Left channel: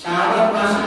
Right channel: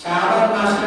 sahabat masa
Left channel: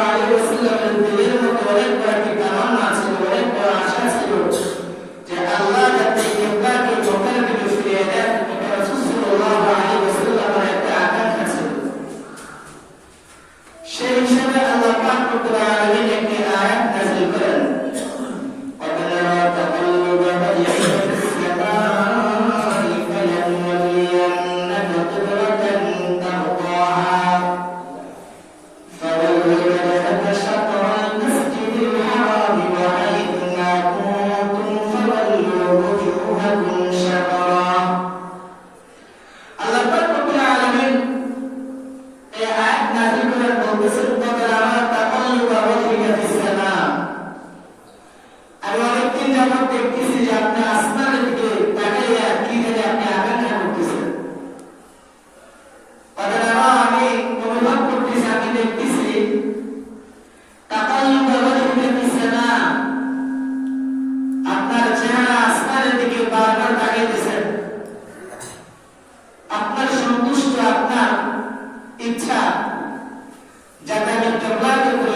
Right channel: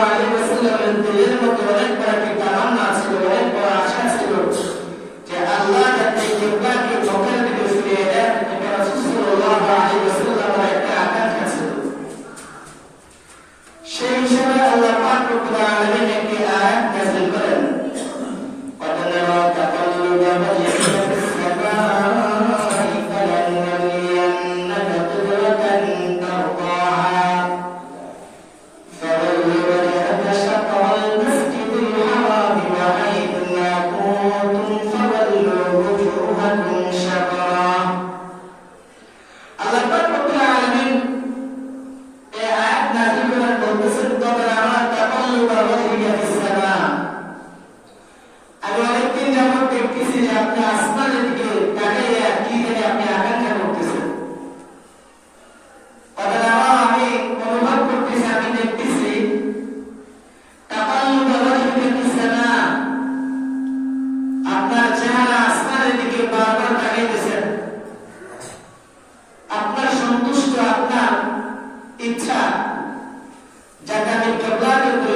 அலைஹி வஸல்லம் என்று ஏற்பட்டு வரைபடத்திட்டார் black and